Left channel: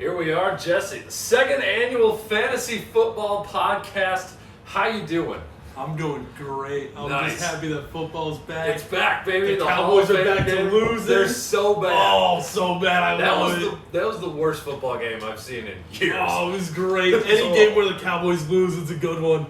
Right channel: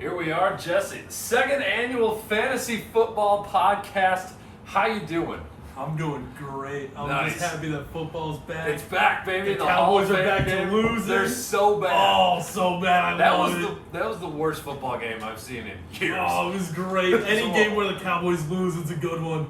Here we are, Jesse. Second annual fantasy football podcast. How you doing? I'm doing great. I'm Nice. just happy that football's back. It's back, baby. The Hall of Cowboys are Fame back to game. losing. They're so bad. Oh, so bad. That was the worst football game I've seen in years. Oh, it was great. Any game where the Cowboys lose, it's a good one.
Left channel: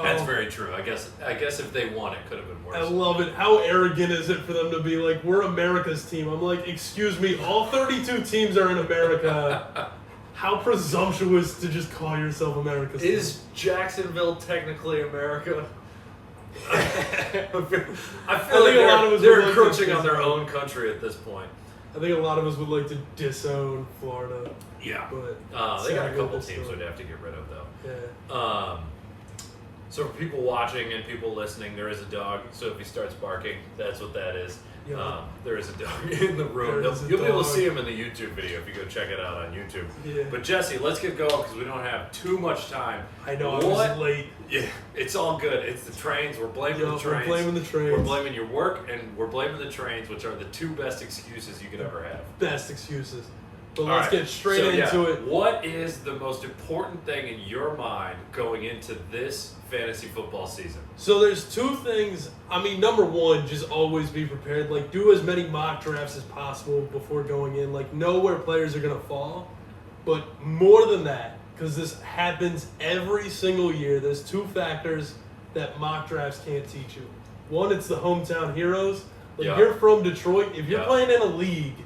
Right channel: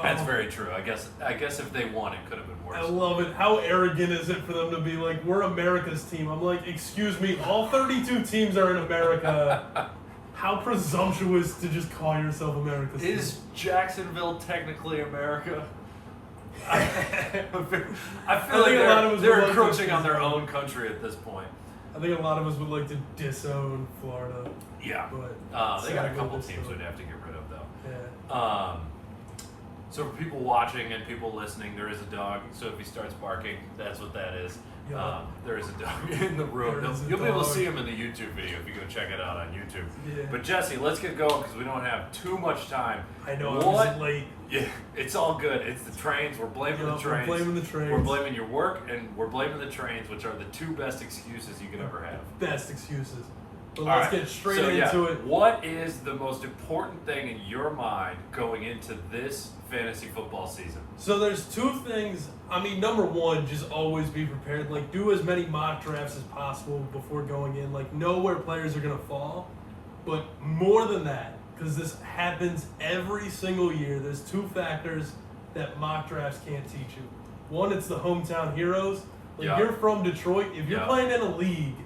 That's very true. I guess if they won, it could have been worse. I love it. How arrogant is it for them to be like, we're America's team? I'm like, excuse me, all 32 teams are in America. How presumptuous to just call yourself America's team. Is Jacksonville technically America? I feel like a lot of us they're would like encroaching to on their disown. own country at this point. I think a lot of us would like to disown Florida. Yeah. But They got a sadly, couple this teams story. we'd have to get rid of, though. Yeah. So for people watching and people listening, there is a dog. So if he starts barking, that's what that is. Yeah. There is a dog in the room. There is a You'll be able to dog. see him in the YouTube video if you go check it out on YouTube. Yeah. But Jesse, let's get going because we don't have too much time. I know, I was late. Yeah, it's all good. It's the trains. We're blaming the Yup, we're trains. blaming the trains. We're blaming your work and we're blaming the trains, which are the two best excuses you could ever have. Best excuses. But All let's right, get straight so, into it. What is the most important thing in your mind going into this fantasy football season? So there's two things. I mean, number one, just always be prepared. Like, do as many mock drafts as possible before going in. Like, know where players are going to fall. But more than that, because this happens every single year, there's two factors that mock drafts can't teach you. One, it's the hometown heroes. Like, Yeah. you're from Detroit. If you're Yeah. playing in a league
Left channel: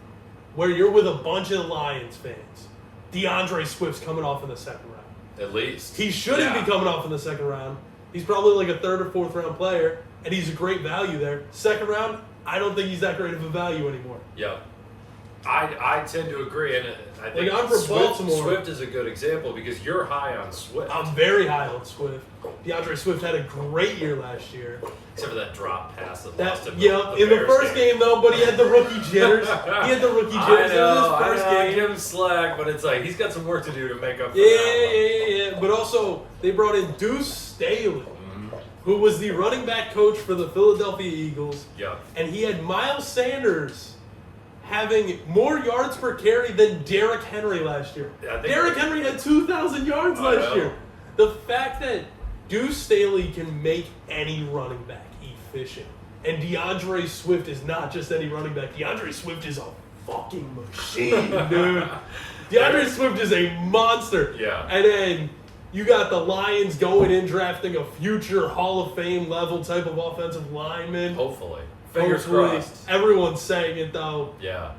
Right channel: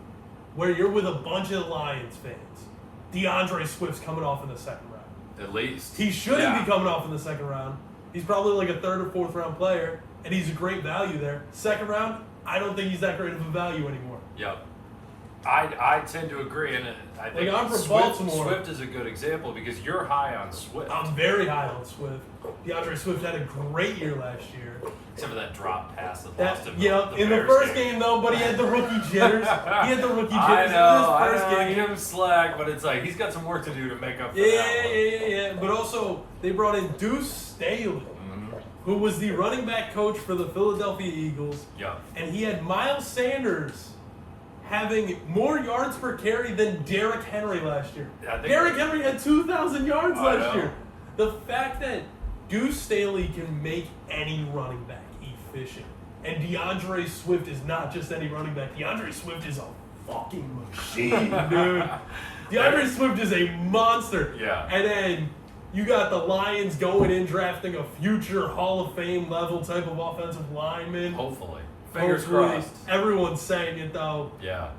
where you're with a bunch of Lions fans, Deandre Swift's coming off in the second round. At least. He shouldn't be coming off in the second round. He's probably like a third or fourth round player, and he's a great value there. Second round, I don't think he's that great of a value anymore. Yep. I tend to agree, and I think Like, I'm from Baltimore. Swift is a good example because you're high on Swift. I'm very high on Swift. Deandre Swift had a great year last year. Except for that drop pass that That, lost him. yeah, in the Bears first game though, but he had the rookie jitters. He had the rookie jitters I in his first know, game. give him slack, but it's like he's got some work to do to make up for Yeah, that. yeah. But also, they brought in Deuce Staley, who was the running back coach for the Philadelphia Eagles. Yep. And he had Miles Sanders having more yards per carry than Derrick Henry last year. Yeah, I think Derrick Henry had 2,000 yards I last know. year. The fact that Deuce Staley can make any running back efficient, and DeAndre Swift is not just any running back. DeAndre Swift is a fucking machine, dude. DeAndre Swift is a monster. Yeah. And then you got the Lions going in drafting a future Hall of Fame level type of offensive lineman. Hopefully. Fingers Hopefully. crossed. Everyone's saying it though. Yeah.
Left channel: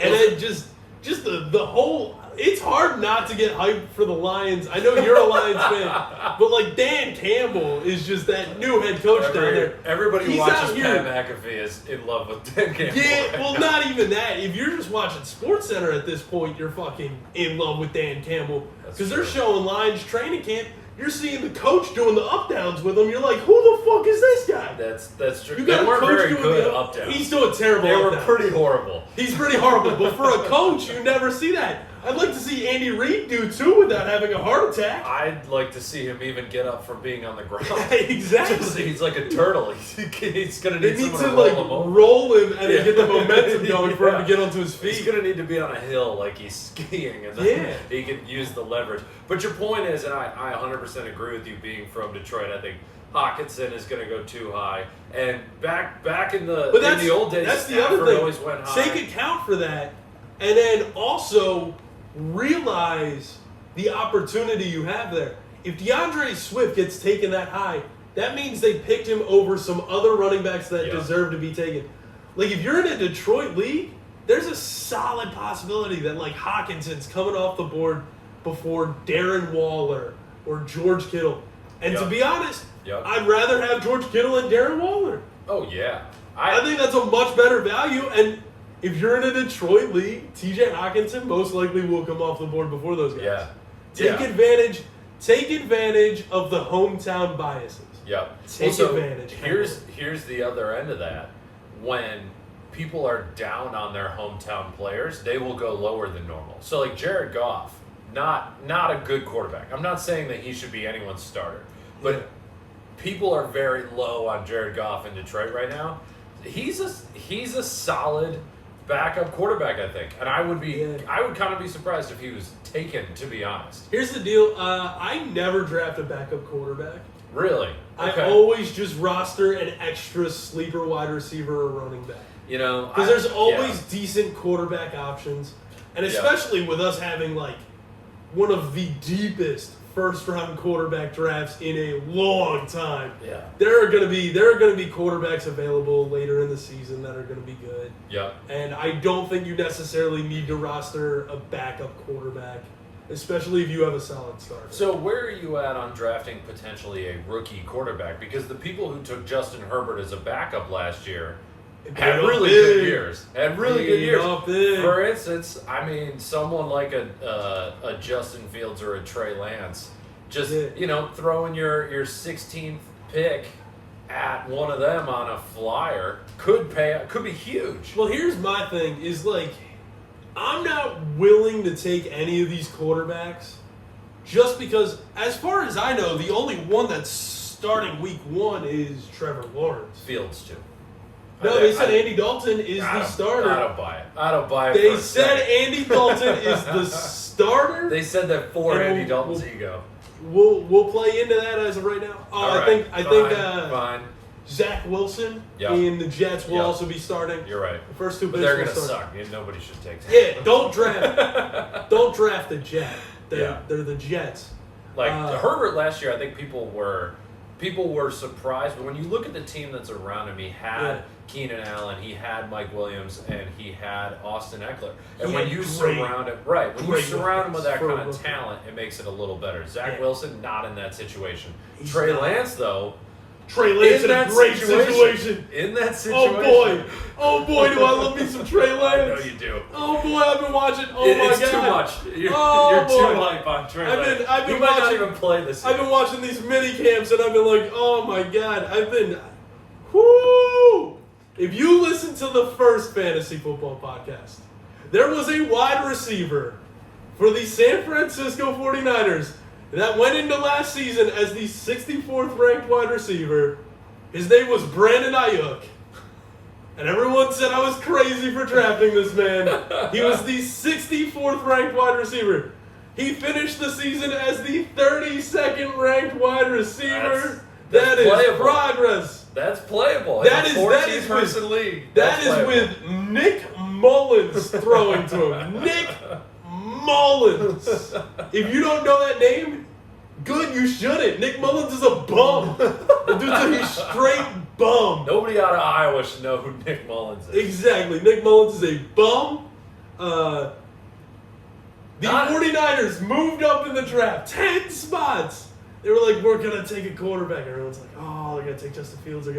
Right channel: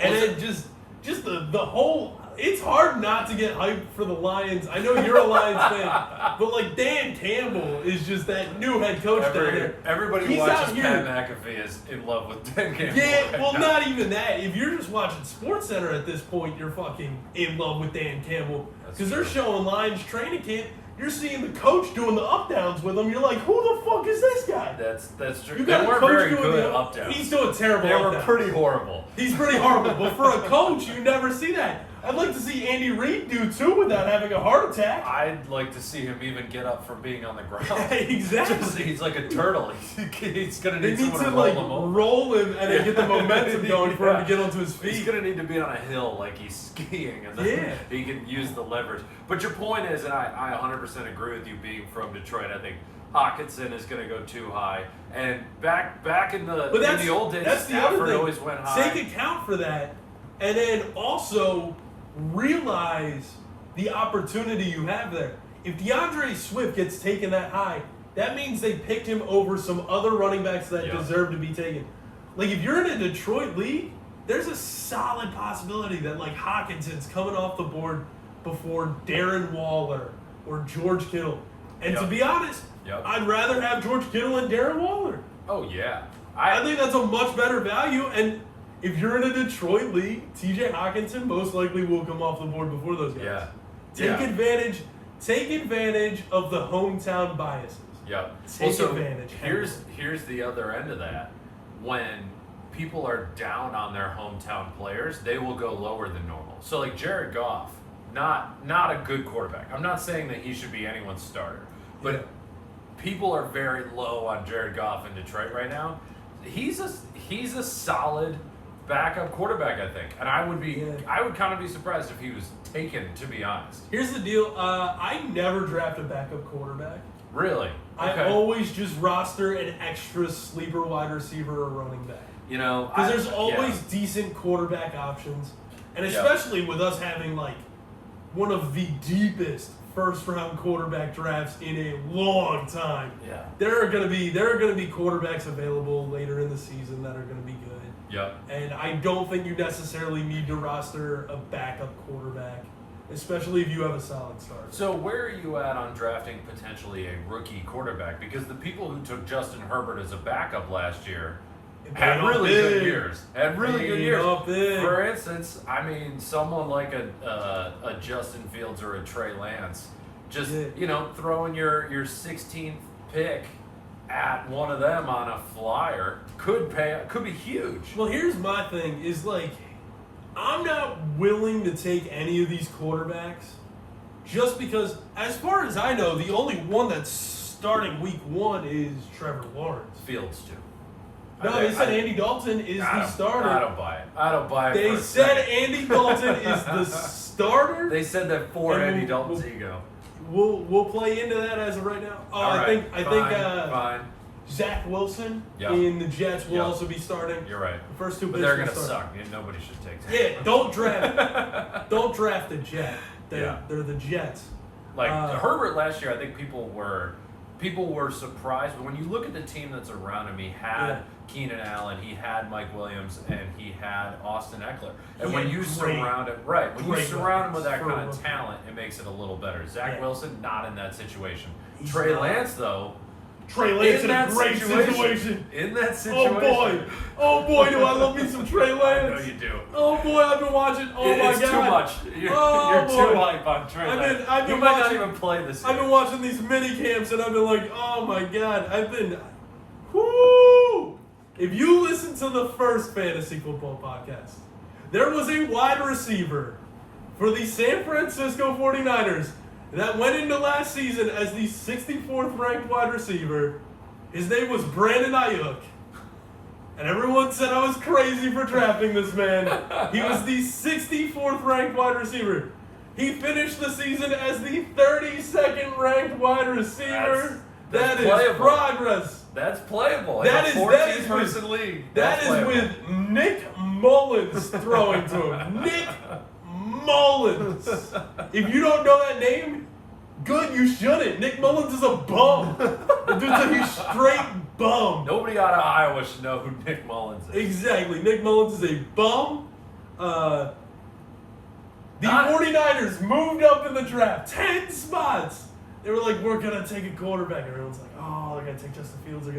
And then just the whole, it's hard not to get hyped for the Lions. I know you're a Lions fan, but like Dan Campbell is just that new head coach down there. Everybody who He's watches out here. Pat McAfee is in love with Dan Campbell. Yeah, right well, now. not even that. If you're just watching SportsCenter at this point, you're fucking in love with Dan Campbell. That's Because they're true. showing Lions training camp. You're seeing the coach doing the up downs with him. You're like, who the fuck is this guy? That's true. You They got a weren't coach very doing good the up downs. He's doing terrible. They were up downs. pretty horrible. He's pretty horrible, but for a coach, you never see that. I'd like to see Andy Reid do too without having a heart attack. I'd like to see him even get up from being on the ground. Exactly. Just- he's like a turtle. He's gonna They need need someone to to roll like him over. roll him and then Yeah. get the momentum going for him Yeah. to get onto his feet. He's gonna need to be on a hill like he's skiing, and then Yeah. he can use the leverage. But your point is, and I 100% agree with you. Being from Detroit, I think Hawkinson is gonna go too high. And back in the But that's in the old days, that's the Stafford other thing. always went high. Take account for that, and then also realize the opportunity you have there. If DeAndre Swift gets taken that high, that means they picked him over some other running backs that Yeah. deserve to be taken. Like if you're in a Detroit league, there's a solid possibility that like Hawkinson's coming off the board before Darren Waller or George Kittle. And to Yep. be honest, Yep. I'd rather have George Kittle and Darren Waller. Oh yeah, I think that's a much better value. And if you're in a Detroit league, TJ Hawkinson most likely will come off the board before those guys. Yeah. Take Yeah. advantage. Take advantage of the hometown biases. Yep. Take Also, advantage. Here's the other end of that. When people are down on their hometown players, they will go lower than normal. So like Jared Goff, not a good quarterback. I'm not saying that he should be anyone's starter, but Yeah. people are very low on Jared Goff in Detroit right now. He's a solid backup quarterback, I think. And I would kind of be surprised if he was taken, to be honest. Here's the deal. I never draft a backup quarterback. Really? Okay. I always just roster an extra sleeper wide receiver or running back. Because there's always decent quarterback options. And especially with us having, like, one of the deepest first-round quarterback drafts in a long time. Yeah. There are going to be quarterbacks available later in the season that are going to be good. Yeah. And I don't think you necessarily need to roster a backup quarterback, especially if you have a solid starter. So where are you at on drafting potentially a rookie quarterback? Because the people who took Justin Herbert as a backup last year had really good years. For instance, I mean, someone like a Justin Fields or a Trey Lance, just throwing your 16th pick at one of them on a flyer could be huge. Well, here's my thing: is like, I'm not willing to take any of these quarterbacks, just because, as far as I know, the only one that's starting week 1 is Trevor Lawrence. Fields too. No, they said Andy Dalton is the starter. I don't buy it. They said Andy Dalton is the starter. They said that for Andy Dalton's ego. We'll play into that as of right now. I think fine. Zach Wilson in the Jets will also be starting. You're right. The first 2 but picks they're gonna start. suck. Nobody should take that. Yeah, don't draft the Jet. They're the Jets. Like Herbert last year, I think people were surprised, but when you look at the team that's around him, he had Keenan Allen, he had Mike Williams, and he had Austin Eckler. And when you surround him with that kind of talent, it makes it a little better. Zach Wilson, not in that situation. Trey Lance, though. Trey Lance in a great situation. In that situation. Oh boy, do I love me some Trey Lance. I know you do. Oh boy, I've been watching. It's too much. You're too hype on Trey Lance. I've been might not even play this year. I've been watching these mini camps and I've been like, oh my god, whoo! If you listen to the first fantasy football podcast, there was a wide receiver for the San Francisco 49ers that went into last season as the 64th ranked wide receiver. His name was Brandon Ayuk. And everyone said I was crazy for drafting this man. He was the 64th ranked wide receiver. He finished the season as the 32nd ranked wide receiver. That is playable. Progress. That's playable. That in a 14-person league. That is with Nick Mullins throwing to him. Nick Mullins. If you don't know that name, good, you shouldn't. Nick Mullins is a bum. Dude's a straight bum. Nobody out of Iowa should know who Nick Mullins is. Exactly. Nick Mullins is a bum. The 49ers moved up in the draft 10 spots. They were like, we're going to take a quarterback. Everyone's like, oh, they're going to take Justin Fields. They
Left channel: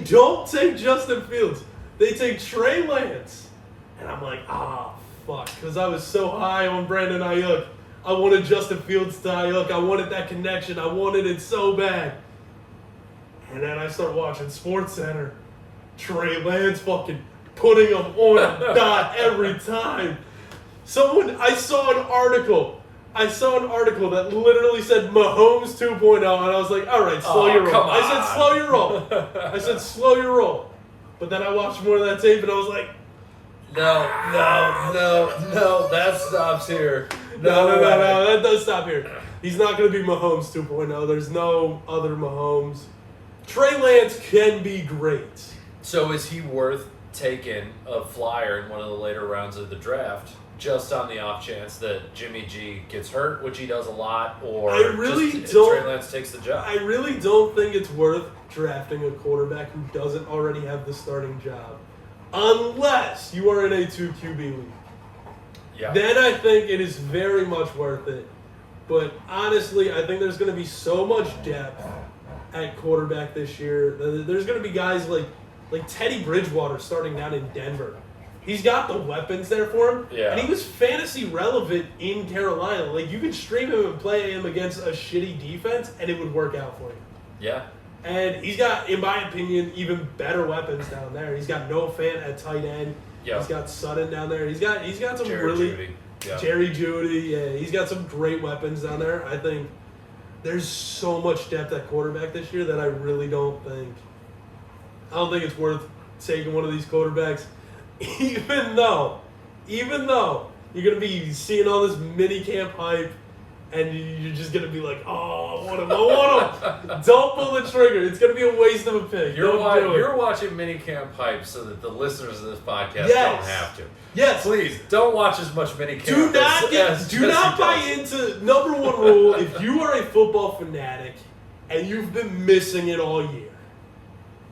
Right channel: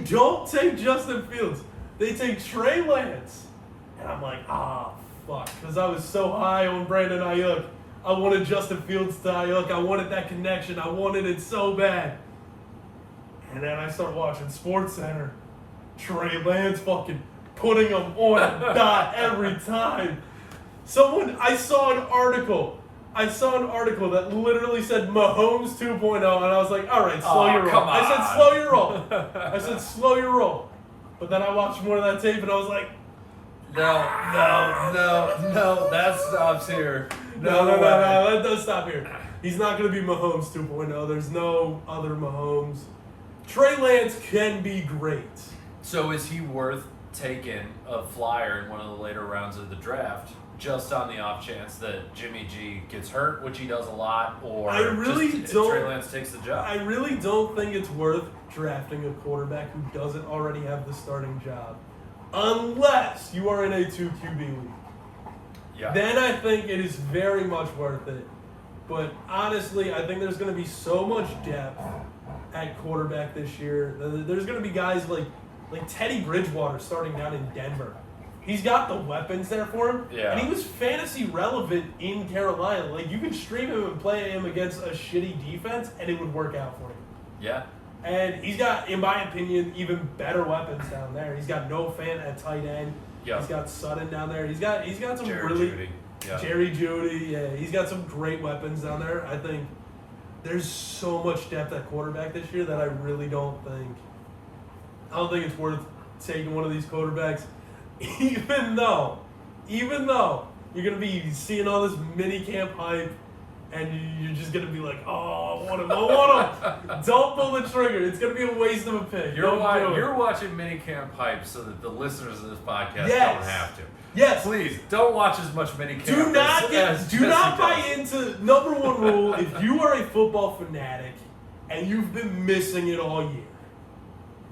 don't take Justin Fields. They take Trey Lance. And I'm like, fuck. Because I was so high on Brandon Ayuk. I wanted Justin Fields to Ayuk. I wanted that connection. I wanted it so bad. And then I start watching SportsCenter. Trey Lance fucking putting him on a dot every time. I saw an article that literally said Mahomes 2.0, and I was like, all right, slow your roll. Come on. I said, slow your roll. But then I watched more of that tape, and I was like, no, that stops here. No, that does stop here. He's not going to be Mahomes 2.0. There's no other Mahomes. Trey Lance can be great. So is he worth taking a flyer in one of the later rounds of the draft? Just on the off chance that Jimmy G gets hurt, which he does a lot, or Trey Lance takes the job. I really don't think it's worth drafting a quarterback who doesn't already have the starting job, unless you are in a 2 QB league. Yeah. Then I think it is very much worth it. But honestly, I think there's going to be so much depth at quarterback this year. There's going to be guys like Teddy Bridgewater starting down in Denver. He's got the weapons there for him. Yeah. And he was fantasy relevant in Carolina. Like, you could stream him and play him against a shitty defense, and it would work out for you. Yeah. And he's got, in my opinion, even better weapons down there. He's got Noah Fant at tight end. Yeah. He's got Sutton down there. He's got some Jerry Judy. Yeah. He's got some great weapons down there. I think there's so much depth at quarterback this year that I don't think it's worth taking one of these quarterbacks even though you're going to be seeing all this mini camp hype, and you're just going to be like, oh, I want him. Don't pull the trigger. It's going to be a waste of a pick. You're watching minicamp hype so that the listeners of this podcast don't have to. Yes. Please, don't watch as much minicamp. Do not buy into, number one rule, if you are a football fanatic and you've been missing it all year,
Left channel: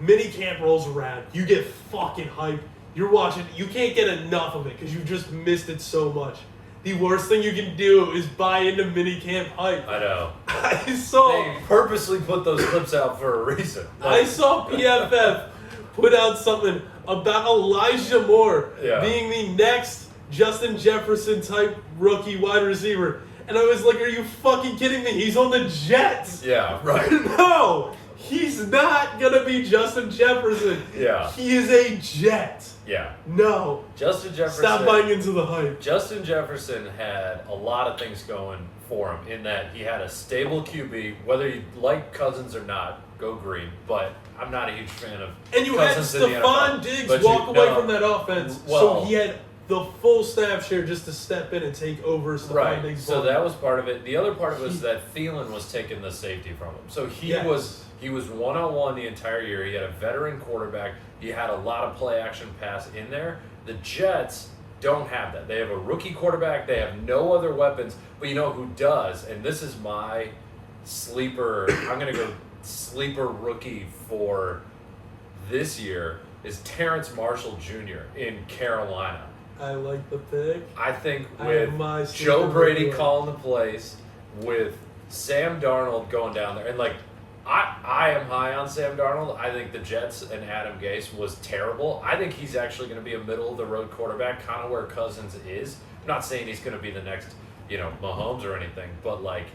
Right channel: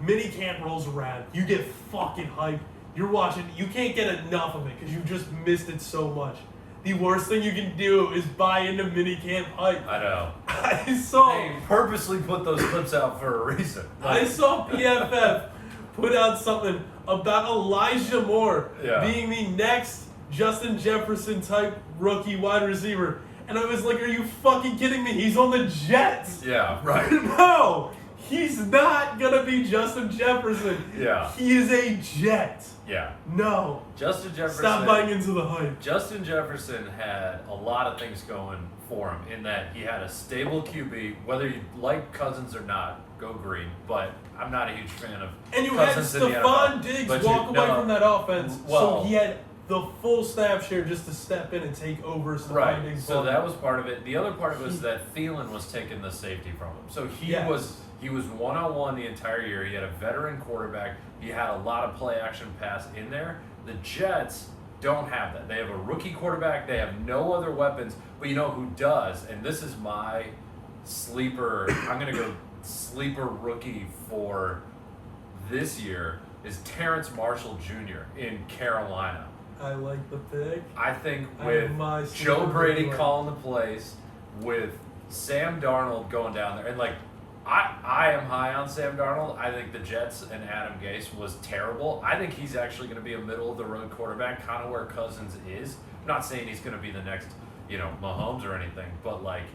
minicamp rolls around, you get fucking hyped. You're watching, you can't get enough of it because you've just missed it so much. The worst thing you can do is buy into minicamp hype. I know. They purposely put those clips out for a reason. I saw PFF put out something about Elijah Moore being the next Justin Jefferson type rookie wide receiver. And I was like, are you fucking kidding me? He's on the Jets. Yeah, right. No, he's not going to be Justin Jefferson. Yeah. He is a Jet. Yeah. No. Justin Jefferson. Stop buying into the hype. Justin Jefferson had a lot of things going for him in that he had a stable QB, whether you like Cousins or not, go green, but I'm not a huge fan of And you Cousins had in the NFL. Stephon Diggs walk away from that offense, so he had the full staff share just to step in and take over Stephon Diggs. So that was part of it. The other part of it was that Thielen was taking the safety from him. So he was one-on-one the entire year. He had a veteran quarterback. He had a lot of play-action pass in there. The Jets don't have that. They have a rookie quarterback. They have no other weapons. But you know who does? And this is my sleeper. I'm going to go sleeper rookie for this year is Terrence Marshall Jr. in Carolina. I like the pick. I think with Joe Brady calling the plays, with Sam Darnold going down there, and like I am high on Sam Darnold. I think the Jets and Adam Gase was terrible. I think he's actually going to be a middle-of-the-road quarterback, kind of where Cousins is. I'm not saying he's going to be the next, Mahomes or anything, but like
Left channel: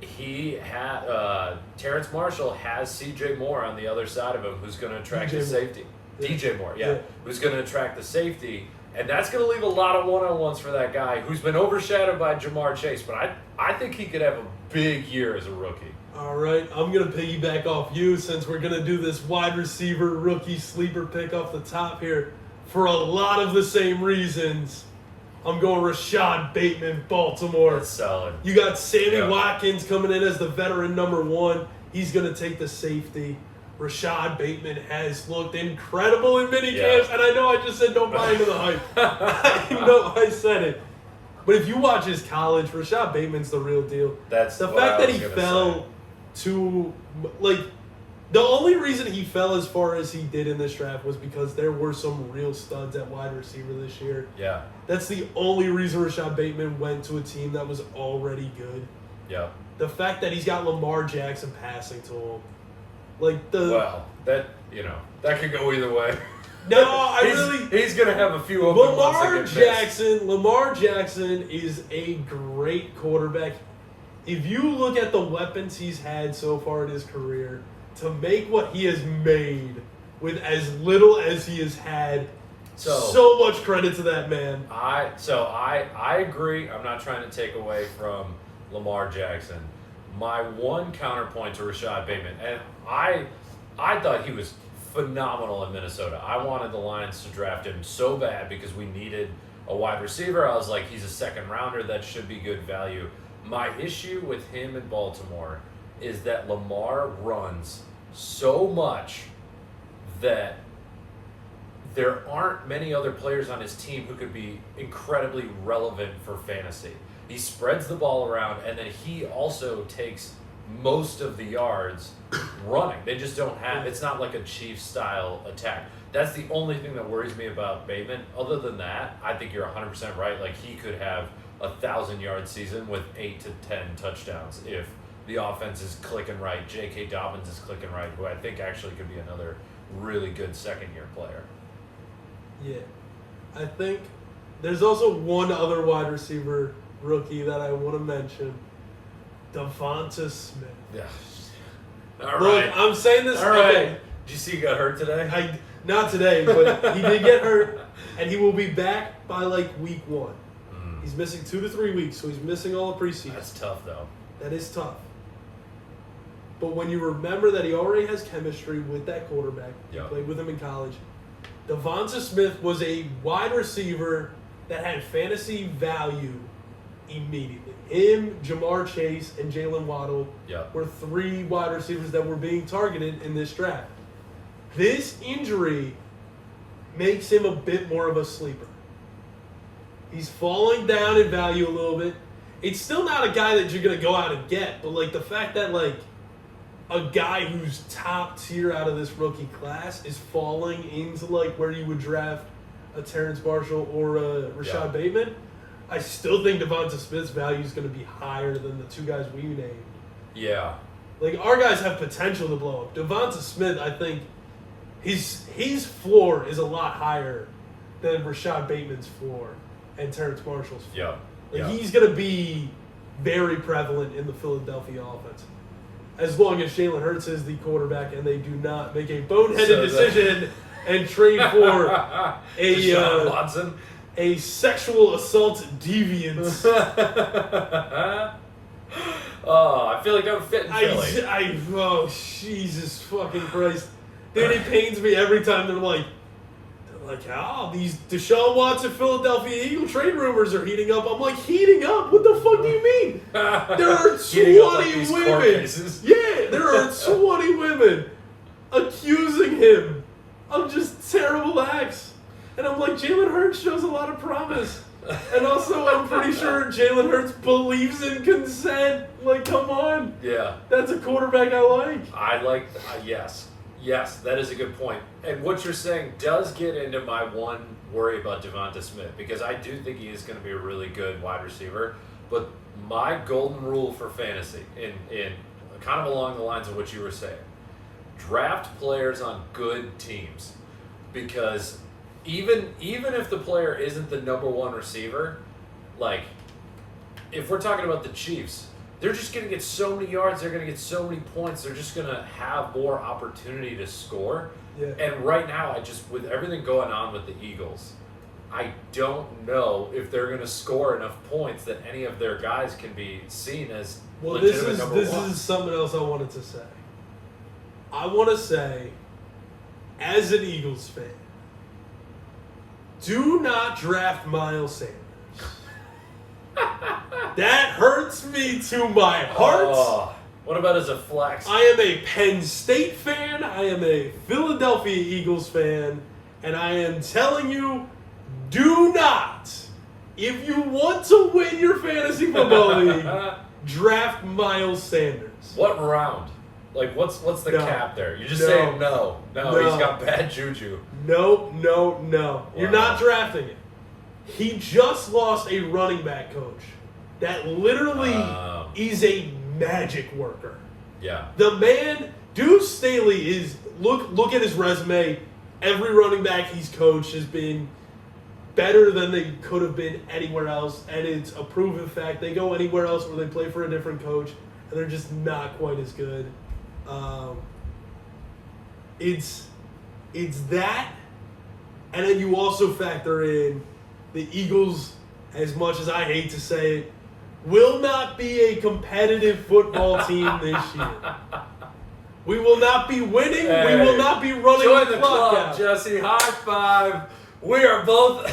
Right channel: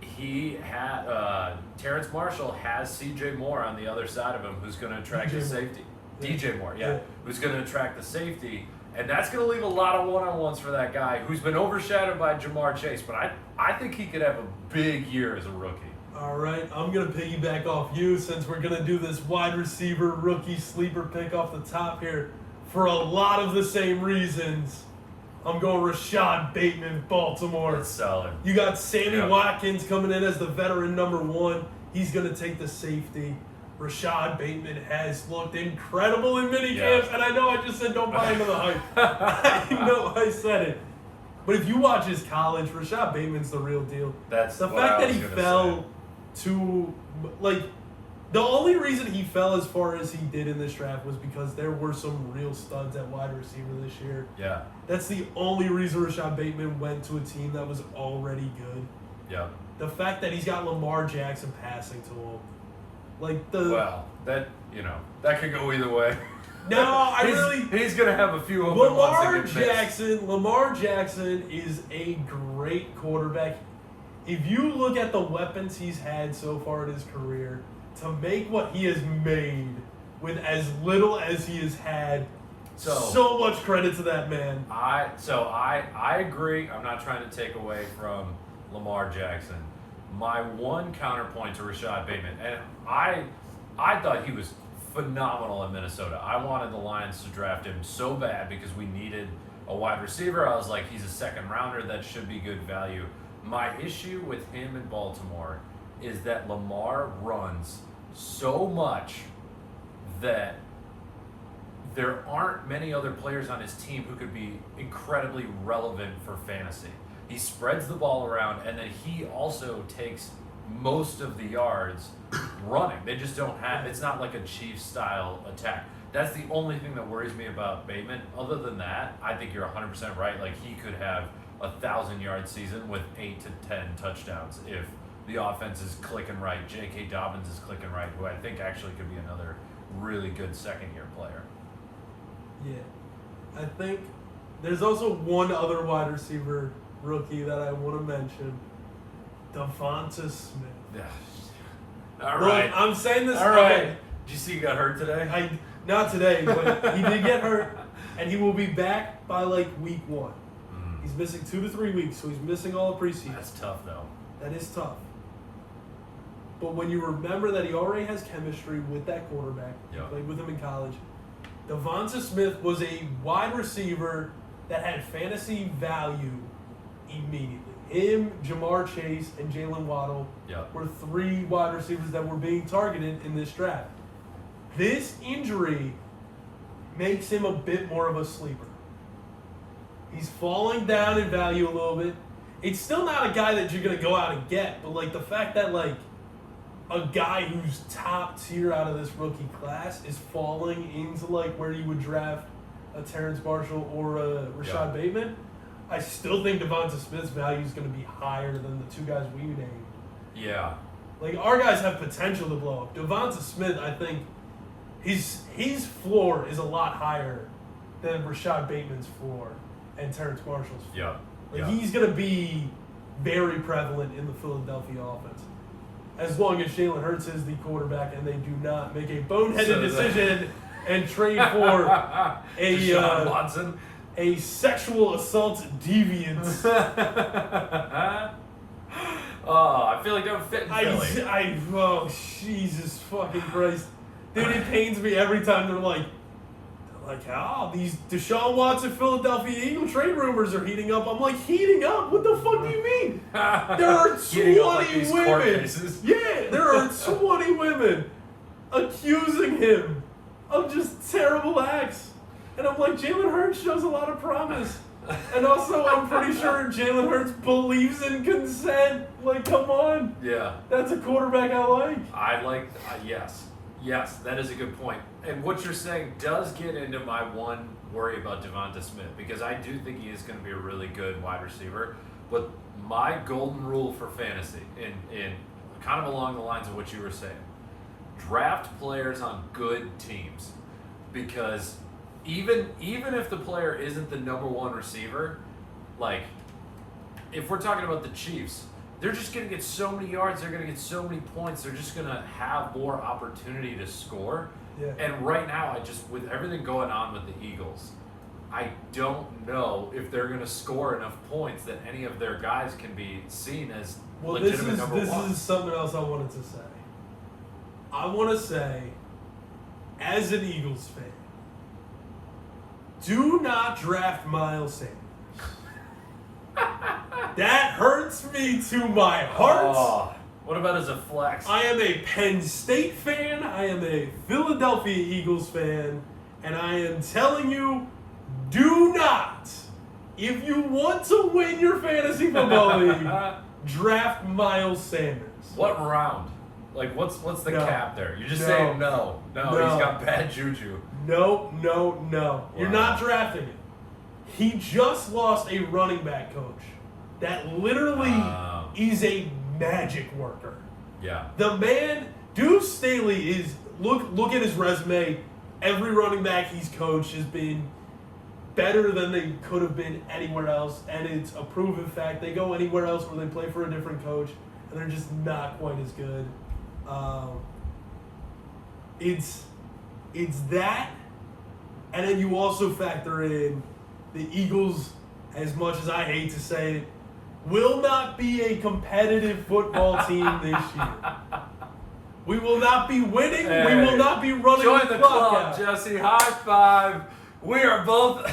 he had Terrence Marshall has C.J. Moore on the other side of him, who's going to attract the safety. DJ Moore, who's going to attract the safety, and that's going to leave a lot of one-on-ones for that guy who's been overshadowed by Jamar Chase. But I think he could have a big year as a rookie. All right, I'm going to piggyback off you since we're going to do this wide receiver rookie sleeper pick off the top here for a lot of the same reasons. I'm going Rashad Bateman, Baltimore. That's solid. You got Sammy Watkins coming in as the veteran number one. He's going to take the safety. Rashad Bateman has looked incredible in minicamps, and I know I just said don't buy into the hype. I know I said it. But if you watch his college, Rashad Bateman's the real deal. That's the fact that he fell to, like, the only reason he fell as far as he did in this draft was because there were some real studs at wide receiver this year. Yeah. That's the only reason Rashad Bateman went to a team that was already good. Yeah. The fact that he's got Lamar Jackson passing to him. That could go either way. No, he's gonna have a few open ones. Lamar Jackson is a great quarterback. If you look at the weapons he's had so far in his career, to make what he has made with as little as he has had, so much credit to that man. I agree. I'm not trying to take away from Lamar Jackson. My one counterpoint to Rashad Bateman, and I thought he was phenomenal in Minnesota. I wanted the Lions to draft him so bad because we needed a wide receiver. I was like, he's a second rounder. That should be good value. My issue with him in Baltimore is that Lamar runs so much that there aren't many other players on his team who could be incredibly relevant for fantasy. He spreads the ball around, and then he also takes most of the yards running. They just don't have – it's not like a Chiefs-style attack. That's the only thing that worries me about Bateman. Other than that, I think you're 100% right. Like, he could have a 1,000-yard season with 8 to 10 touchdowns if the offense is clicking right. J.K. Dobbins is clicking right, who I think actually could be another really good second-year player. Yeah. I think there's also one other wide receiver – rookie that I want to mention, Devonta Smith. Yeah. All right. Look, I'm saying this. All right. Did you see he got hurt today? Not today, but he did get hurt, and he will be back by like week 1. He's missing 2 to 3 weeks, so he's missing all the preseason. That's tough, though. That is tough. But when you remember that he already has chemistry with that quarterback, he played with him in college, Devonta Smith was a wide receiver that had fantasy value immediately. Him, Jamar Chase, and Jalen Waddle were 3 wide receivers that were being targeted in this draft. This injury makes him a bit more of a sleeper. He's falling down in value a little bit. It's still not a guy that you're going to go out and get, but like the fact that like a guy who's top tier out of this rookie class is falling into like where you would draft a Terrence Marshall or a Rashad Bateman, I still think Devonta Smith's value is going to be higher than the 2 guys we named. Yeah. Like, our guys have potential to blow up. Devonta Smith, I think, his floor is a lot higher than Rashad Bateman's floor and Terrence Marshall's floor. He's going to be very prevalent in the Philadelphia offense. As long as Jalen Hurts is the quarterback and they do not make a boneheaded decision and trade for a sexual assault deviant. I feel like that would fit in Philly. Oh, Jesus fucking Christ. Dude, it pains me every time they're like, these Deshaun Watson Philadelphia Eagle trade rumors are heating up. I'm like, heating up? What the fuck do you mean? There are 20 women. Yeah, there are 20 women accusing him of just terrible acts. And I'm like, Jalen Hurts shows a lot of promise. And also, I'm pretty sure Jalen Hurts believes in consent. Like, come on. Yeah. That's a quarterback I like. Yes, that is a good point. And what you're saying does get into my one worry about Devonta Smith, because I do think he is going to be a really good wide receiver. But my golden rule for fantasy, in kind of along the lines of what you were saying, draft players on good teams. Because even if the player isn't the number 1 receiver, like, if we're talking about the Chiefs, they're just going to get so many yards, they're going to get so many points, they're just going to have more opportunity to score. Yeah. And right now, with everything going on with the Eagles, I don't know if they're going to score enough points that any of their guys can be seen as legitimate number 1. This is something else I wanted to say. I want to say, as an Eagles fan, do not draft Miles Sanders. That hurts me to my heart. Oh, what about as a flex? I am a Penn State fan. I am a Philadelphia Eagles fan. And I am telling you, do not, if you want to win your fantasy football league, draft Miles Sanders. What round? Like, what's the cap there? You're just saying no. No, he's got bad juju. No. You're not drafting it. He just lost a running back coach that literally is a magic worker. Yeah. The man, Deuce Staley is, look at his resume. Every running back he's coached has been better than they could have been anywhere else, and it's a proven fact. They go anywhere else where they play for a different coach, and they're just not quite as good. It's that, and then you also factor in the Eagles, as much as I hate to say it, will not be a competitive football team this year. We will not be winning. Hey, we will not be running join the club clock out. Jesse. High five. We are both.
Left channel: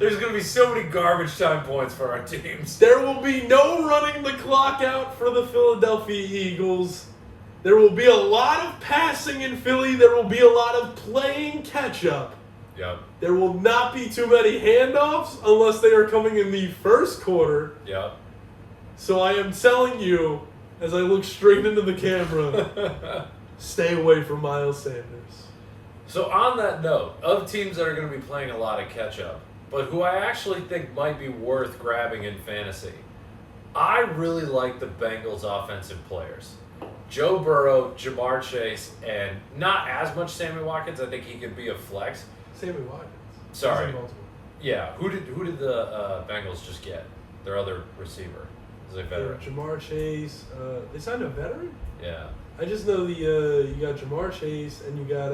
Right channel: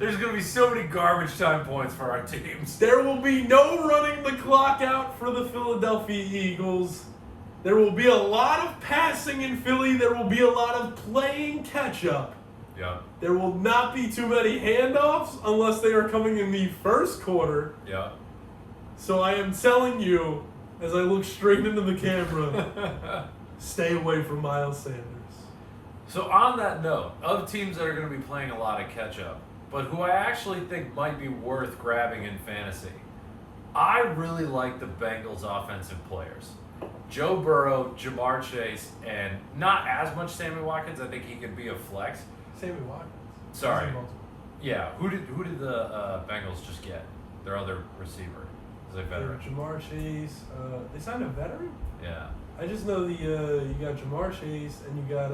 There's going to be so many garbage time points for our teams. There will be no running the clock out for the Philadelphia Eagles. There will be a lot of passing in Philly. There will be a lot of playing catch-up. Yep. There will not be too many handoffs unless they are coming in the first quarter. Yep. So I am telling you, as I look straight into the camera, stay away from Miles Sanders. So on that note, of teams that are going to be playing a lot of catch-up, but who I actually think might be worth grabbing in fantasy, I really like the Bengals offensive players. Joe Burrow, Jamar Chase, and not as much Sammy Watkins. I think he could be a flex. Sammy Watkins. Sorry. Yeah. Who did the Bengals just get? Their other receiver. Is a veteran. Jamar Chase. They signed a veteran? Yeah. I just know you got Jamar Chase and you got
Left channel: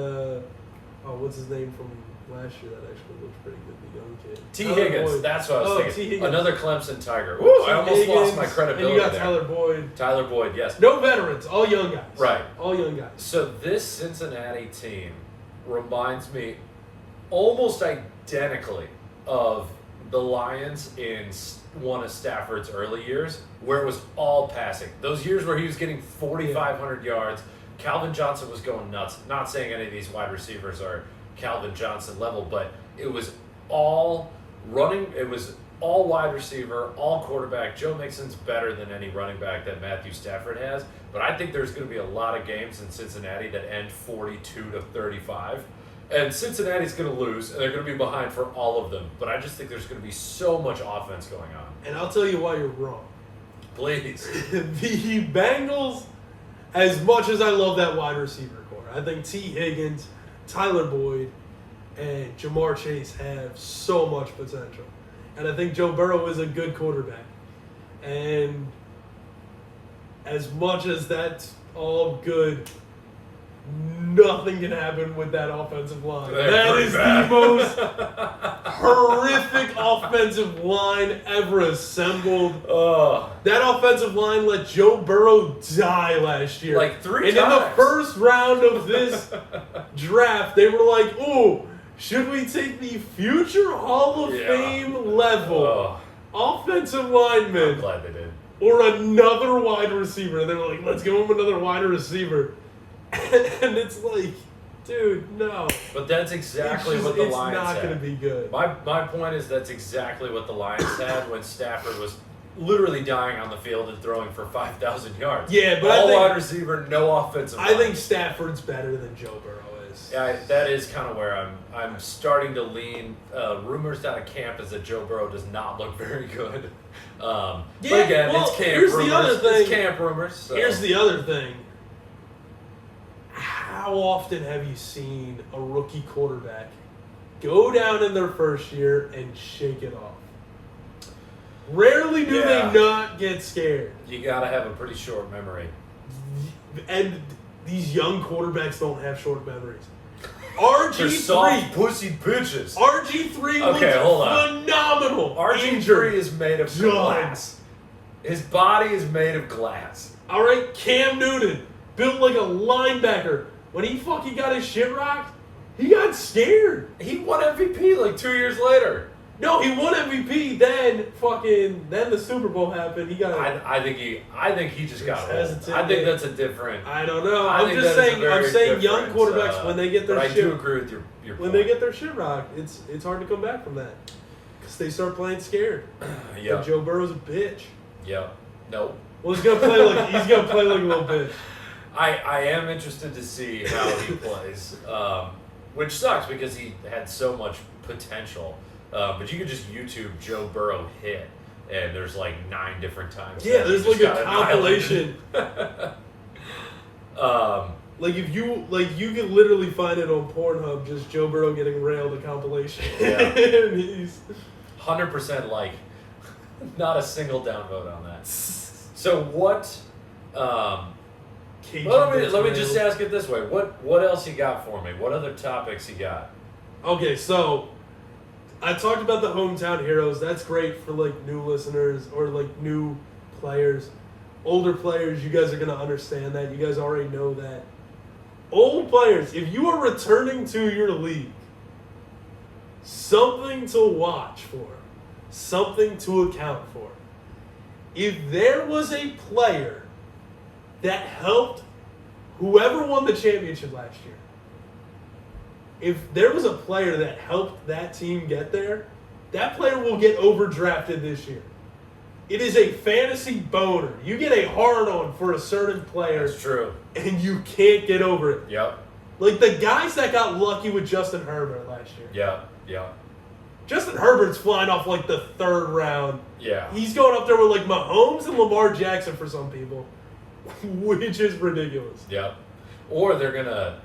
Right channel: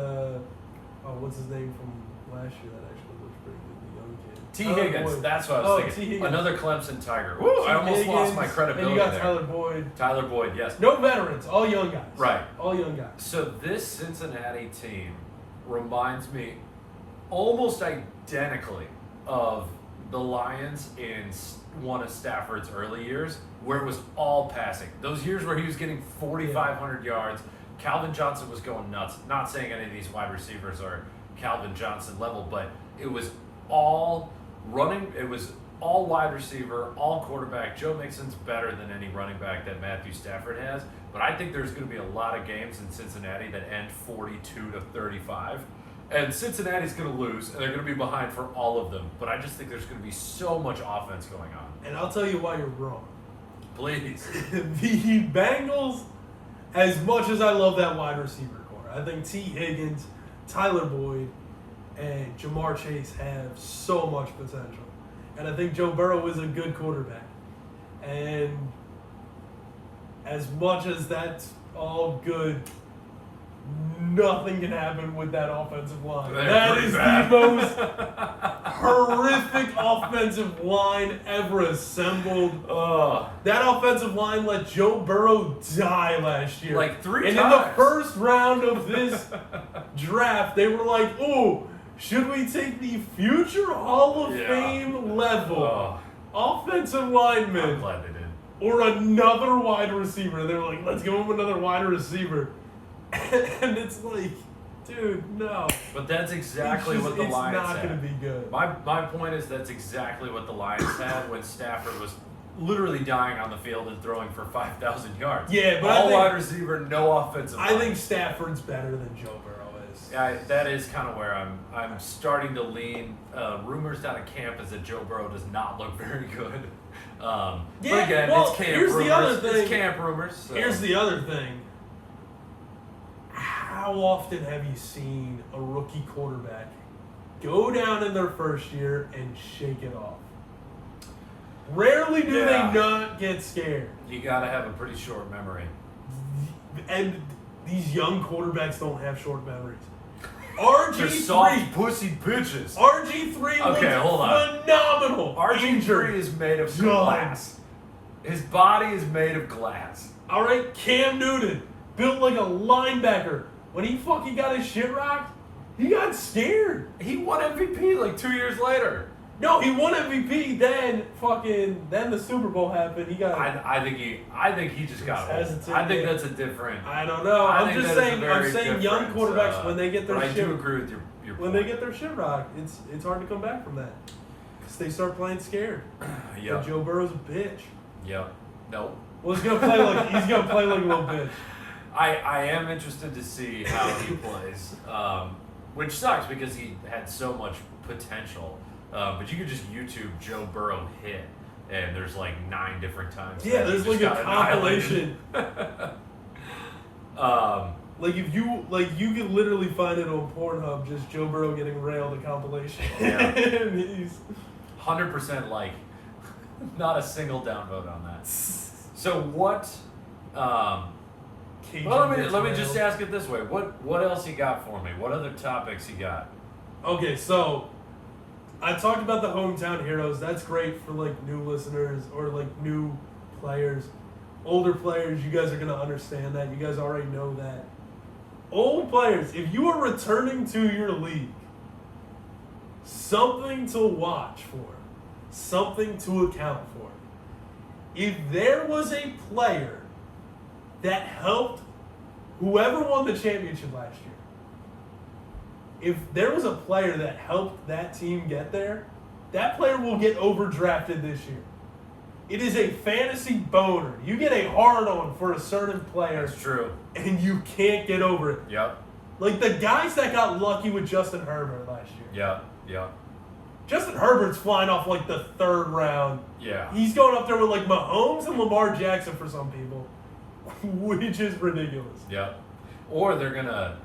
what's his name from last year that actually looks pretty good, the young kid. T. Higgins. Boyd. That's what I was thinking. T. Higgins. Another Clemson Tiger. Woo! I almost Higgins, lost my credibility and you got there. Tyler Boyd. Tyler Boyd, yes. No veterans, all young guys. Right. All young guys. So this Cincinnati team, reminds me almost identically of the Lions in one of Stafford's early years, where it was all passing. Those years where he was getting 4,500 yards, Calvin Johnson was going nuts. Not saying any of these wide receivers are Calvin Johnson level, but it was all running. It was all wide receiver, all quarterback. Joe Mixon's better than any running back that Matthew Stafford has, but I think there's going to be a lot of games in Cincinnati that end 42-35. And Cincinnati's going to lose, and they're going to be behind for all of them. But I just think there's going to be so much offense going on. And I'll tell you why you're wrong. Please. The Bengals, as much as I love that wide receiver core, I think T. Higgins, Tyler Boyd, and Jamar Chase have so much potential. And I think Joe Burrow is a good quarterback. And as much as that's all good, nothing can happen with that offensive line. That is the most horrific offensive line ever assembled. That offensive line let Joe Burrow die last year. Like 3 times. And in the first round of this draft, they were like, ooh, should we take the future Hall of Fame level offensive lineman? I'm glad they did. Or another wide receiver. They were like, let's give him another wide receiver. And it's like, dude, no. But that's exactly what the Lions had. It's not going to be good. My point is that's exactly what the Lions had when Stafford was literally dying on the field and throwing for 5,000 yards. Yeah, but all wide receiver, no offensive line. I think Stafford's better than Joe Burrow is. Yeah, that is kind of where I'm starting to lean. Rumors out of camp is that Joe Burrow does not look very good. But again, it's camp here's rumors. The other thing. It's camp rumors. So. Here's the other thing. How often have you seen a rookie quarterback go down in their first year and shake it off? Rarely do they not get scared. You got to have a pretty short memory. And these young quarterbacks don't have short memories. They're soft pussy bitches. RG3 looks phenomenal. RG3 is made of glass. His body is made of glass. All right, Cam Newton, built like a linebacker. When he fucking got his shit rocked, he got scared. He won MVP like 2 years later. No, he won MVP. Then the Super Bowl happened. He got. I think he just got old. I think that's a different. I don't know. I'm just saying. I'm saying young quarterbacks when they get their shit. I do agree with your point. When they get their shit rocked, it's hard to come back from that because they start playing scared. Yeah. Joe Burrow's a bitch. Yep. Nope. Well, he's gonna play like a little bitch. I am interested to see how he plays, which sucks because he had so much potential. But you could just YouTube Joe Burrow hit, and there's like 9 different times. Yeah, there's like a compilation. Like if you can literally find it on Pornhub, just Joe Burrow getting railed, a compilation. Yeah. And he's 100% like, not a single downvote on that. So what? Let me just ask it this way: what else you got for me? What other topics you got? Okay, so I talked about the hometown heroes. That's great for like new listeners or like new players. Older players, you guys are gonna understand that. You guys already know that. Old players, if you are returning to your league, something to watch for, something to account for. If there was a player that helped whoever won the championship last year, if there was a player that helped that team get there, that player will get overdrafted this year. It is a fantasy boner. You get a hard-on for a certain player. That's true. And you can't get over it. Yep. Like the guys that got lucky with Justin Herbert last year. Yep. Justin Herbert's flying off like the 3rd round. Yeah. He's going up there with like Mahomes and Lamar Jackson for some people, which is ridiculous. Yep. Or they're gonna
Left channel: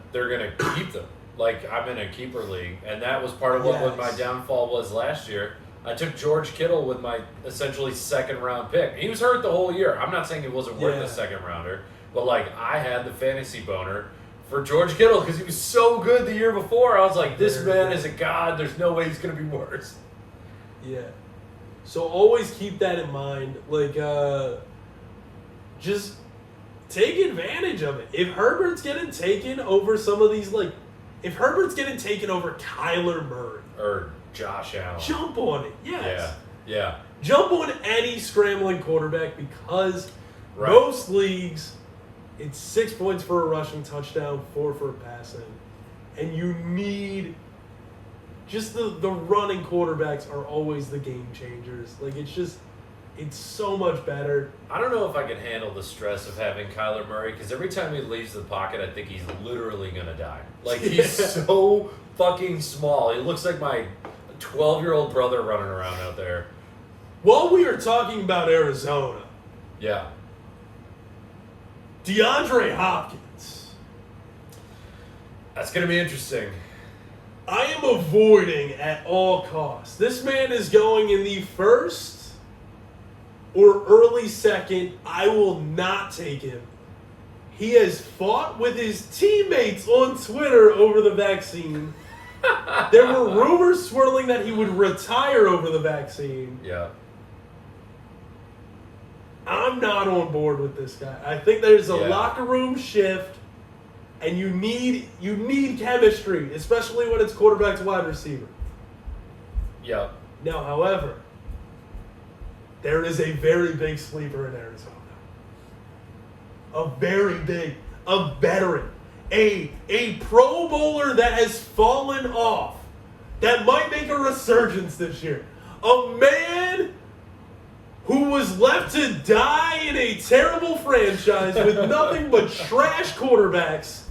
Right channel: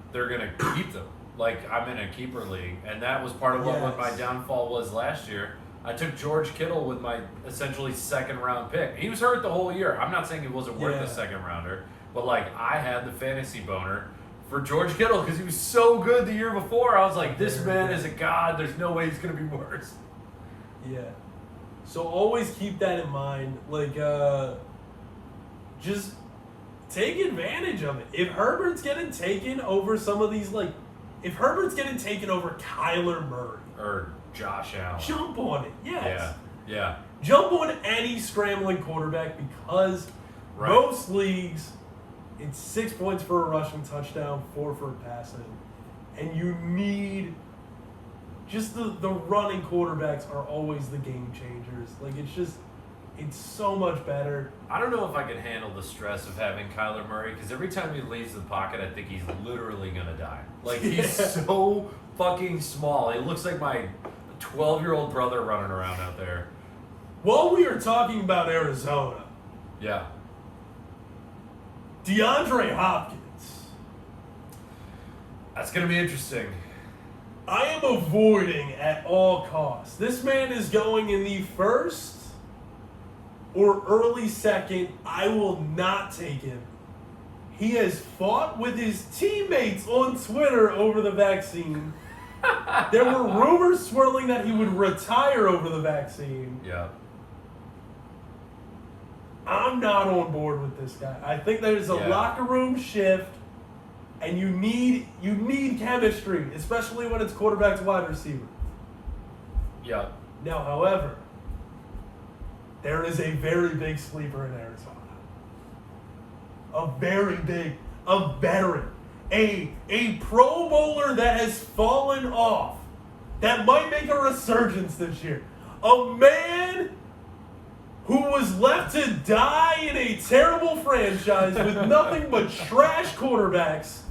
keep them. Like I'm in a keeper league, and that was part of what my downfall was last year. I took George Kittle with my essentially 2nd round pick. He was hurt the whole year. I'm not saying he wasn't worth a 2nd rounder, but like I had the fantasy boner for George Kittle because he was so good the year before. I was like, this man is a god. There's no way he's going to be worse. Yeah. So always keep that in mind. Like, just take advantage of it. If Herbert's getting taken over some of these like If Herbert's getting taken over Kyler Murray Or Josh Allen. jump on it. Yes. Yeah. Jump on any scrambling quarterback because Right. most leagues, it's 6 points for a rushing touchdown, 4 for a passing. And you need just the running quarterbacks are always the game changers. Like, it's so much better. I don't know if I can handle the stress of having Kyler Murray because every time he leaves the pocket, I think he's literally going to die. Like, he's so fucking small. He looks like my 12-year-old brother running around out there. While we are talking about Arizona, Yeah. DeAndre Hopkins. That's going to be interesting. I am avoiding at all costs. This man is going in the first or early second. I will not take him. He has fought with his teammates on Twitter over the vaccine. There were rumors swirling that he would retire over the vaccine. Yeah. I'm not on board with this guy. I think there's a Yeah. locker room shift, and you need chemistry, especially when it's quarterback to wide receiver. Yeah. Now, however, there is a very big sleeper in Arizona. A veteran, a Pro Bowler that has fallen off, that might make a resurgence this year. A man who was left to die in a terrible franchise with nothing but trash quarterbacks,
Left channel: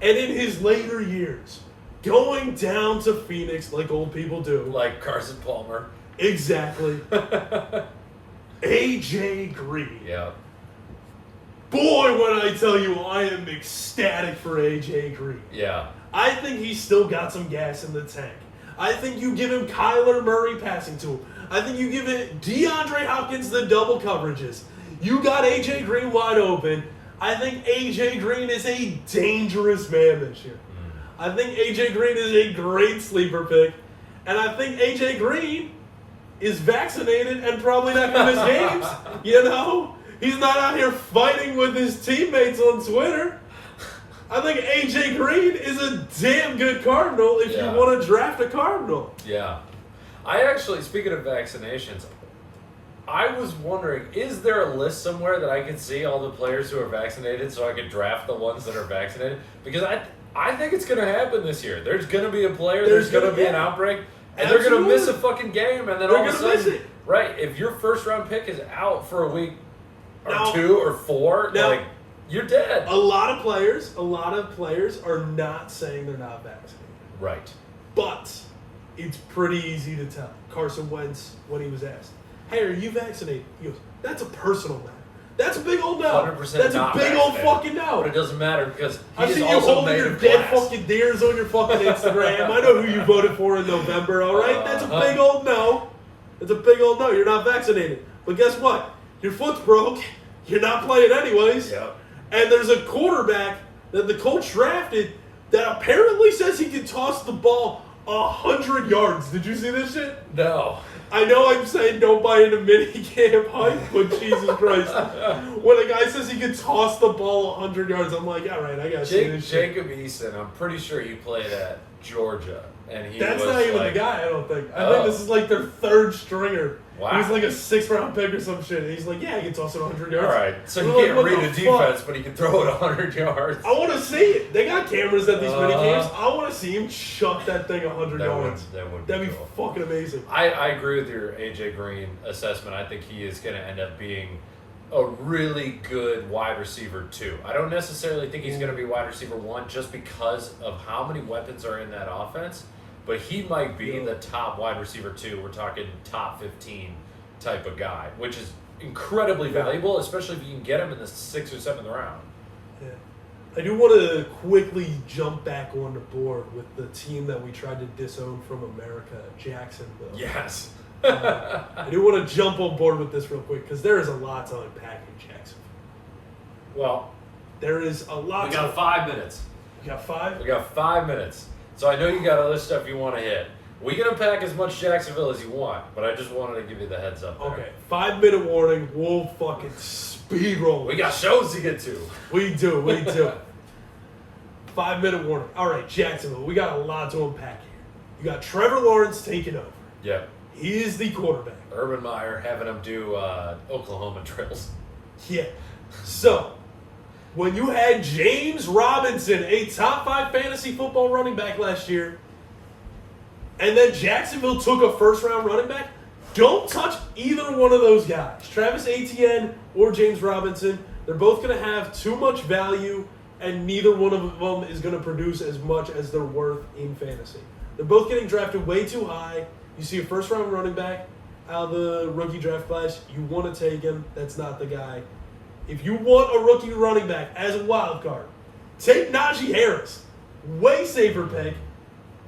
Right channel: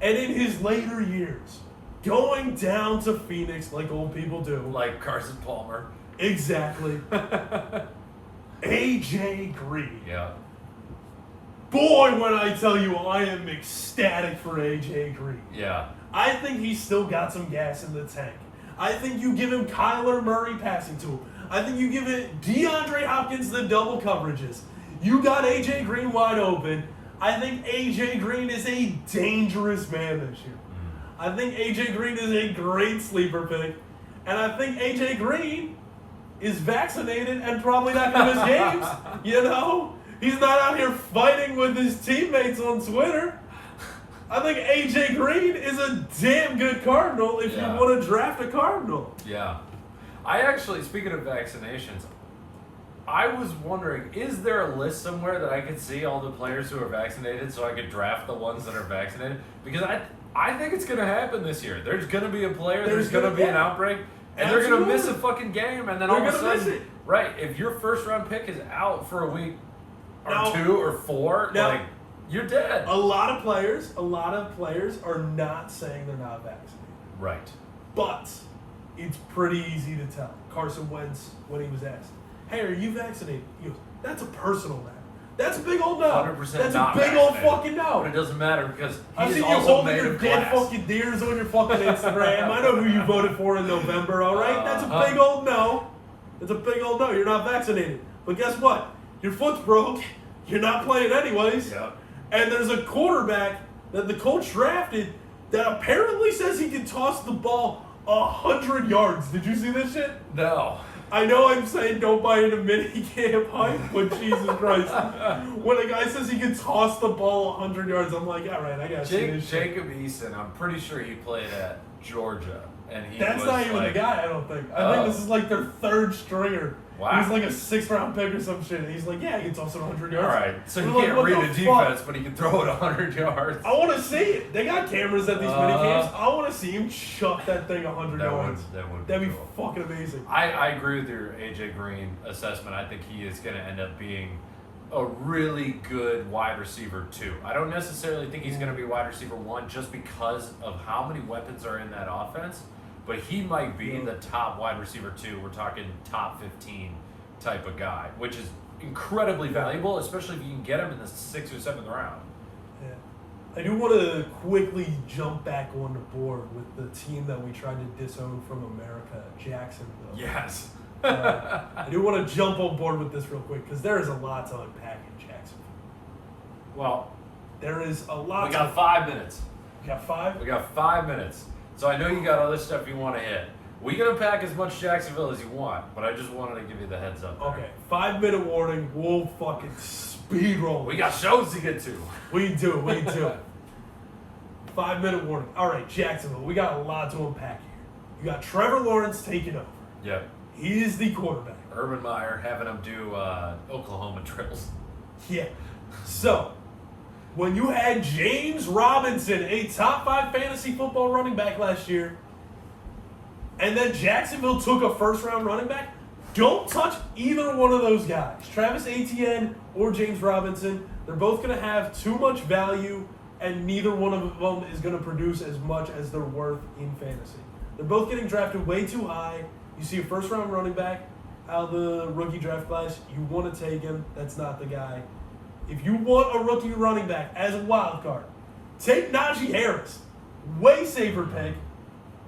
and in his later years, going down to Phoenix like old people do. Like Carson Palmer. Exactly. A.J. Green. Yeah. Boy, when I tell you, I am ecstatic for A.J. Green. Yeah. I think he's still got some gas in the tank. I think you give him Kyler Murray passing to him. I think you give it DeAndre Hopkins the double coverages. You got A.J. Green wide open. I think A.J. Green is a dangerous man this year. I think A.J. Green is a great sleeper pick. And I think A.J. Green is vaccinated and probably not going to miss games. You know? He's not out here fighting with his teammates on Twitter. I think A.J. Green is a damn good Cardinal if Yeah. you want to draft a Cardinal. Yeah. I actually, speaking of vaccinations, I was wondering, is there a list somewhere that I could see all the players who are vaccinated so I could draft the ones that are vaccinated? Because I think it's going to happen this year. There's going to be a player, there's going to be an outbreak, and they're going to miss a fucking game, and then all of a gonna miss sudden, it. right, if your first round pick is out for a week or Now- 2 or 4, now- like, you're dead. A lot of players are not saying they're not vaccinated. Right. But it's pretty easy to tell. Carson Wentz, when he was asked, "Hey, are you vaccinated?" He goes, "That's a personal matter. That's a big old no. 100% That's a not big old vaccinated. fucking no." But it doesn't matter because I've he's seen you also holding made your of dead glass. fucking deers on your fucking Instagram. I know who you voted for in November, all right? That's a big old no. It's a big old no. You're not vaccinated. But guess what? Your foot's broke. You're not playing anyways. Yeah. And there's a quarterback that the Colts drafted that apparently says he can toss the ball 100 yards. Did you see this shit? No. I know I'm saying don't buy into minicamp hype, but Jesus Christ. When a guy says he can toss the ball 100 yards, I'm like, all right, I got to see this shit. Jacob Eason, I'm pretty sure he played at Georgia. And he That's was not even like, the guy, I don't think. I think this is like their third stringer. Wow. He's like a 6th-round pick or some shit. And he's like, yeah, he can toss it 100 yards. All right, so We're he like, can't what read the a fuck? defense, but he can throw it 100 yards. I want to see it. They got cameras at these minicamps. I want to see him chuck that thing 100 yards. That would That'd be cool. fucking amazing. I agree with your A.J. Green assessment. I think he is going to end up being a really good wide receiver, too. I don't necessarily think he's going to be wide receiver 1 just because of how many weapons are in that offense, but he might be the top wide receiver 2. We're talking top 15 type of guy, which is incredibly valuable, especially if you can get him in the 6th or 7th round. Yeah. I do want to quickly jump back on the board with the team that we tried to disown from America, Jacksonville. Yes. I do want to jump on board with this real quick because there is a lot to unpack in Jacksonville. Well, There is a lot. we got 5 minutes. You got 5? We got 5 minutes. So I know you got other stuff you want to hit. We can unpack as much Jacksonville as you want, but I just wanted to give you the heads up there. Okay, 5-minute warning. We'll fucking speed roll. We got shows to get to. We do. 5-minute warning. All right, Jacksonville, we got a lot to unpack here. You got Trevor Lawrence taking over. Yep. He is the quarterback. Urban Meyer having him do Oklahoma drills. Yeah. So, when you had James Robinson, a top 5 fantasy football running back last year, and then Jacksonville took a first-round running back, don't touch either one of those guys. Travis Etienne or James Robinson, they're both going to have too much value, and neither one of them is going to produce as much as they're worth in fantasy. They're both getting drafted way too high. You see a first-round running back out of the rookie draft class, you want to take him. That's not the guy. If you want a rookie running back as a wild card, take Najee Harris. Way safer pick.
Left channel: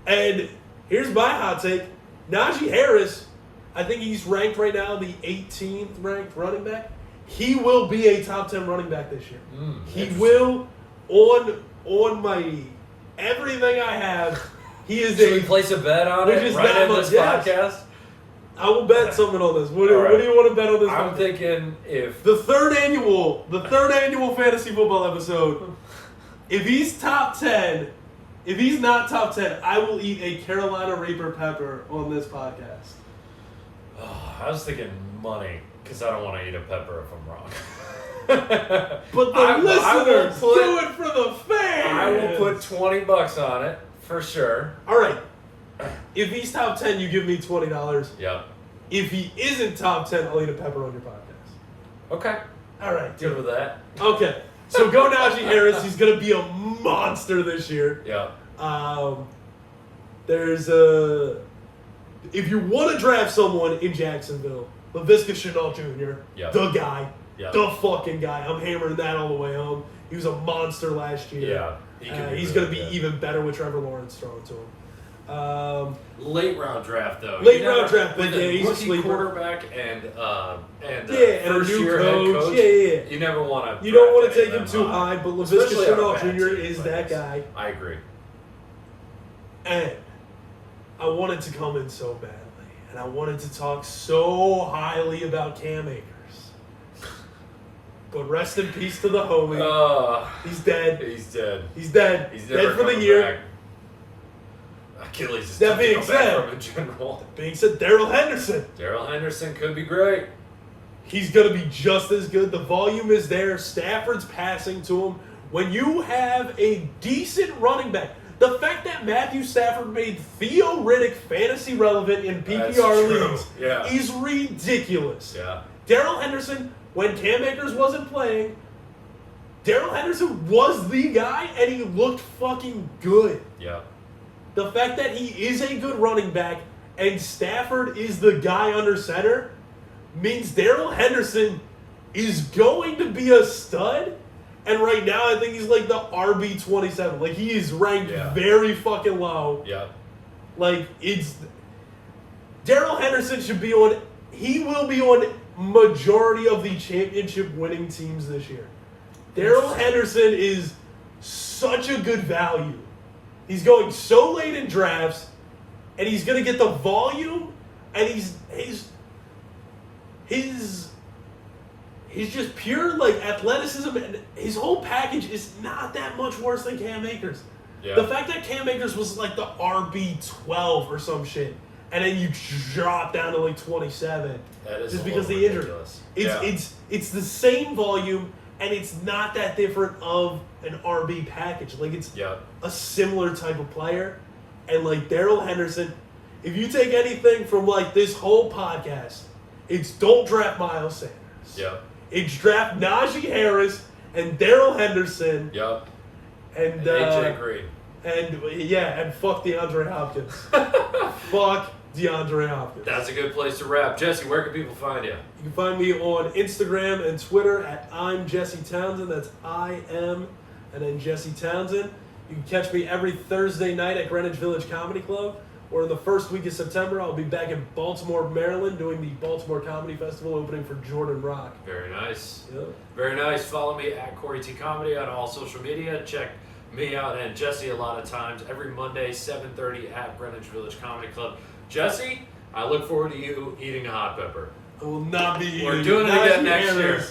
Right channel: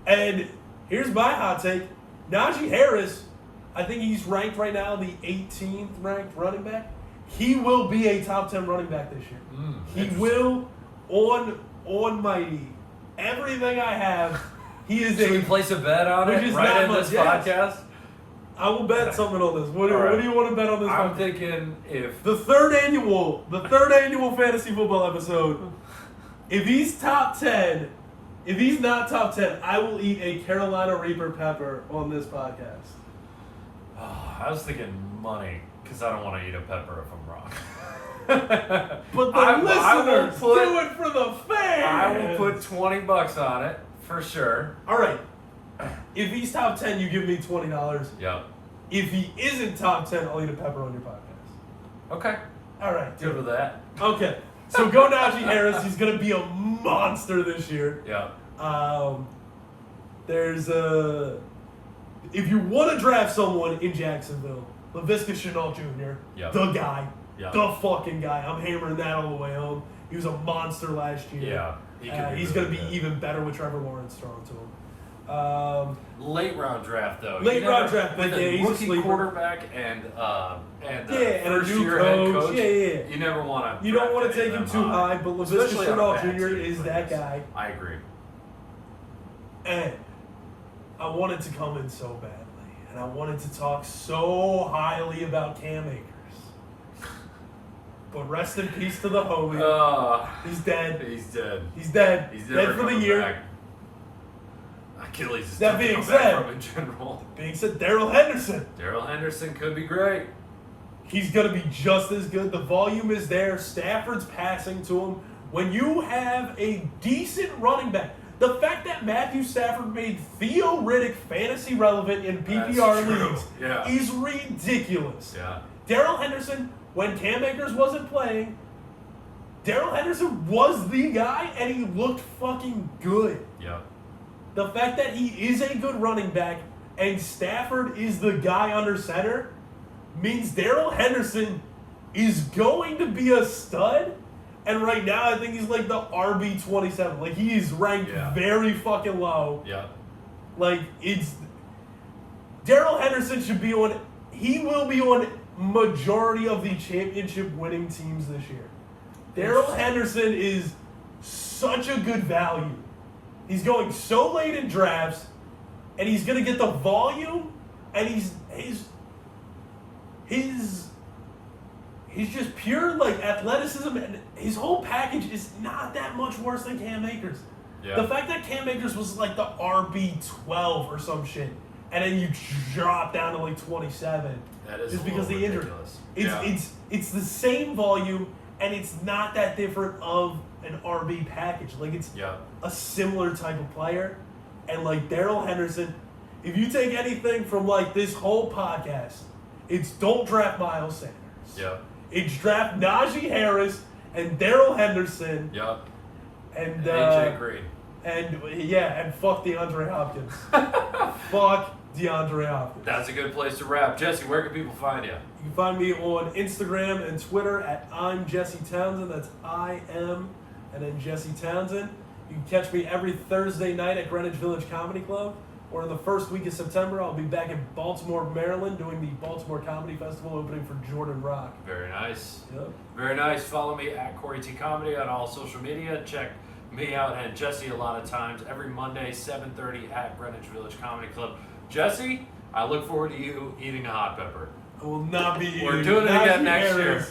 And here's my hot take. Najee Harris, I think he's ranked right now the 18th ranked running back. He will be a top 10 running back this year. He will, on my everything I have, he is Should we place a bet on it right in this podcast? I will bet something on this. What do you want to bet on this? I'm thinking if the third annual fantasy football episode, if he's top 10, if he's not top 10, I will eat a Carolina Reaper pepper on this podcast. I was thinking money because I don't want to eat a pepper if I'm wrong. But the listeners do it for the fans. I will put $20 on it for sure. All right. If he's top 10, you give me $20. Yep. If he isn't top 10, I'll eat a pepper on your podcast. Okay. All right. Good with that. Okay. So go Najee Harris. He's going to be a monster this year. Yeah. There's a... If you want to draft someone in Jacksonville, Laviska Shenault Jr., the guy, the fucking guy. I'm hammering that all the way home. He was a monster last year. Yeah. He's going to be even better with Trevor Lawrence throwing to him. Late round draft though. Late round draft, with a rookie quarterback and and a new head coach. Yeah. You never want to. You don't want to take him too high, but Laviska Shenault Jr. is that guy. I agree. And I wanted to come in so badly, and I wanted to talk so highly about Cam Akers. But rest in peace to the homie. He's dead. He's dead. He's dead. He's dead for the year. Back. Achilles is that being said, from in general. Being said, Daryl Henderson. Daryl Henderson could be great. He's going to be just as good. The volume is there. Stafford's passing to him. When you have a decent running back, the fact that Matthew Stafford made Theo Riddick fantasy relevant in PPR leagues is ridiculous. Yeah. Daryl Henderson, when Cam Akers wasn't playing, Daryl Henderson was the guy, and he looked fucking good. Yeah. The fact that he is a good running back and Stafford is the guy under center means Daryl Henderson is going to be a stud. And right now, I think he's like the RB27. Like, he is ranked very fucking low. Yeah. Like, it's... Daryl Henderson should be on... He will be on majority of the championship winning teams this year. Daryl Henderson is such a good value. He's going so late in drafts, and he's going to get the volume, and he's just pure, like, athleticism, and his whole package is not that much worse than Cam Akers. Yeah. The fact that Cam Akers was like the RB12 or some shit, and then you drop down to like 27, just because of the injury. It's the same volume, and it's not that different of an RB package. Like, it's a similar type of player. And, like, Daryl Henderson, if you take anything from, like, this whole podcast, it's don't draft Miles Sanders. Yeah. It's draft Najee Harris and Daryl Henderson. Yep. And AJ Green. And fuck DeAndre Hopkins. Fuck DeAndre Hopkins. That's a good place to wrap. Jesse, where can people find you? You can find me on Instagram and Twitter at I'm Jesse Townsend. That's I-M and then Jesse Townsend. You can catch me every Thursday night at Greenwich Village Comedy Club. Or in the first week of September, I'll be back in Baltimore, Maryland, doing the Baltimore Comedy Festival, opening for Jordan Rock. Very nice. Yep. Very nice. Follow me at Corey T Comedy on all social media. Check me out and Jesse a lot of times every Monday, 7:30 at Greenwich Village Comedy Club. Jesse, I look forward to you eating a hot pepper. I will not be eating. We're doing it again next year.